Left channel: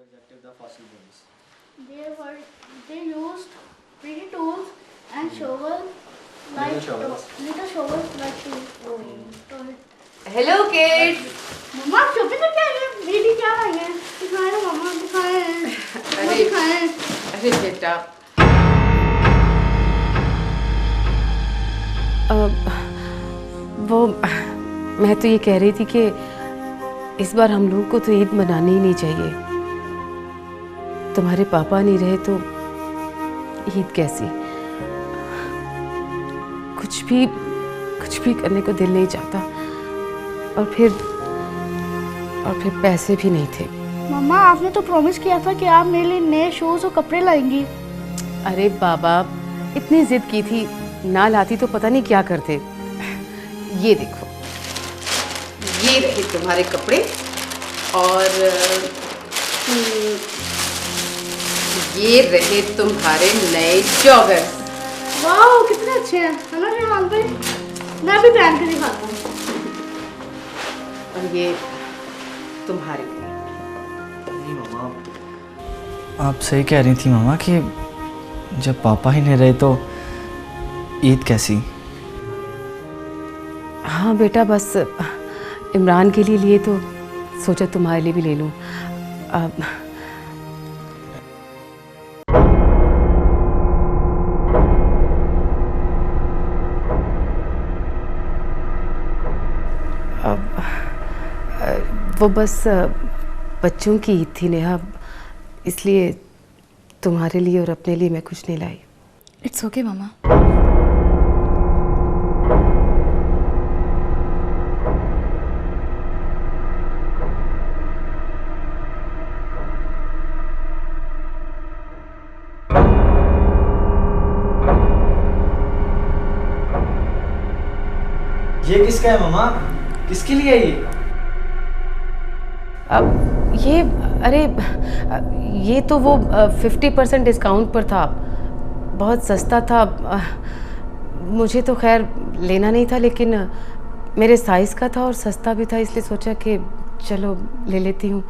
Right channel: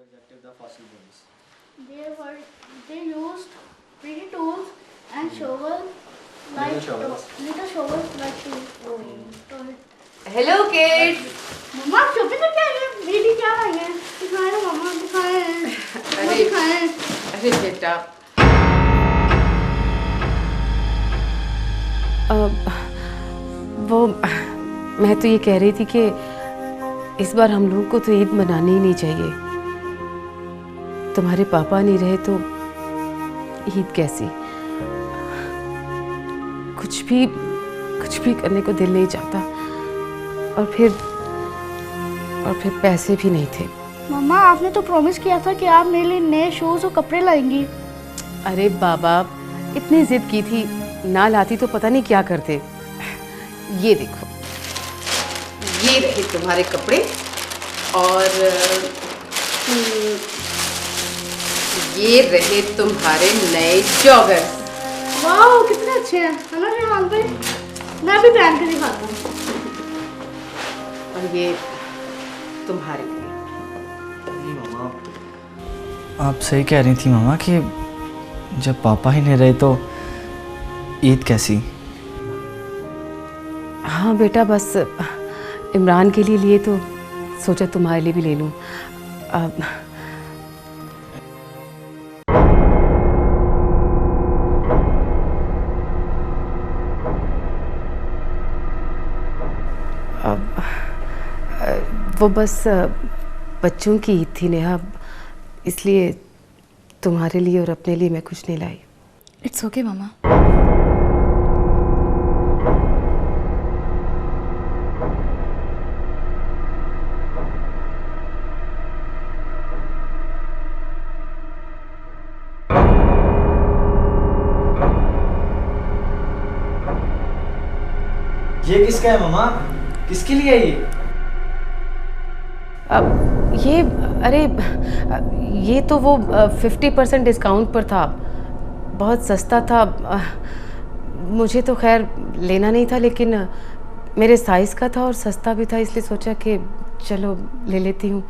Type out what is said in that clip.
rejected the fossil bones? They used pretty tools and shovels Little shovels. little shovels like to it. Hello kids. मम्मा चुप तो क्या है? दीदी क्या है? दिखाए ना मम्मा दिखाए। अरे बेटा वो मैं तो ये कह रही थी कि इस बार हम लोगों को तो ईद मनानी ही नहीं चाहिए। तुम्हारे पापा नहीं रहे तो ईद कैसी? कुछ भी करने को दिल नहीं चाहता और फिर पैसे भी नहीं थे। मम्मा आपने तो प्रॉमिस किया था कि आप मेरे लिए नए शूज और कपड़े लाएंगी। अरे बाबा इतनी जिद की थी, ना लाती तो पता नहीं क्या करते। ये देखो, ये रहे तुम्हारे कपड़े और ये रहे तुम्हारे नए जॉगर्स। वाह कितने अच्छे हैं, है ना रिहान भाई? मैं भी पहन के दिखाता हूँ। और ये तुम्हारे लिए। नहीं मामा, आप सही कह रही थी मामा कि जब पापा ही नहीं रहे तो ईद कैसी? हाँ बेटा, बस इमरान के लिए तो सोचा तुम्हारे लिए भी ले लूँ। वो बस बच्चों की ईद थी नेहा, इसलिए तुम्हारे लिए और अपने लिए मैं कुछ नहीं लाई। इट्स ओके मामा। ये किसका है मामा? किसके लिए है ये? अरे ये तो वो 50% डिस्काउंट पर था, बहुत सस्ता था। मुझे तो खैर लेना नहीं था, लेकिन मेरे साइज़ का था और सस्ता भी था, इसलिए सोचा कि चलो ले लेती हूँ।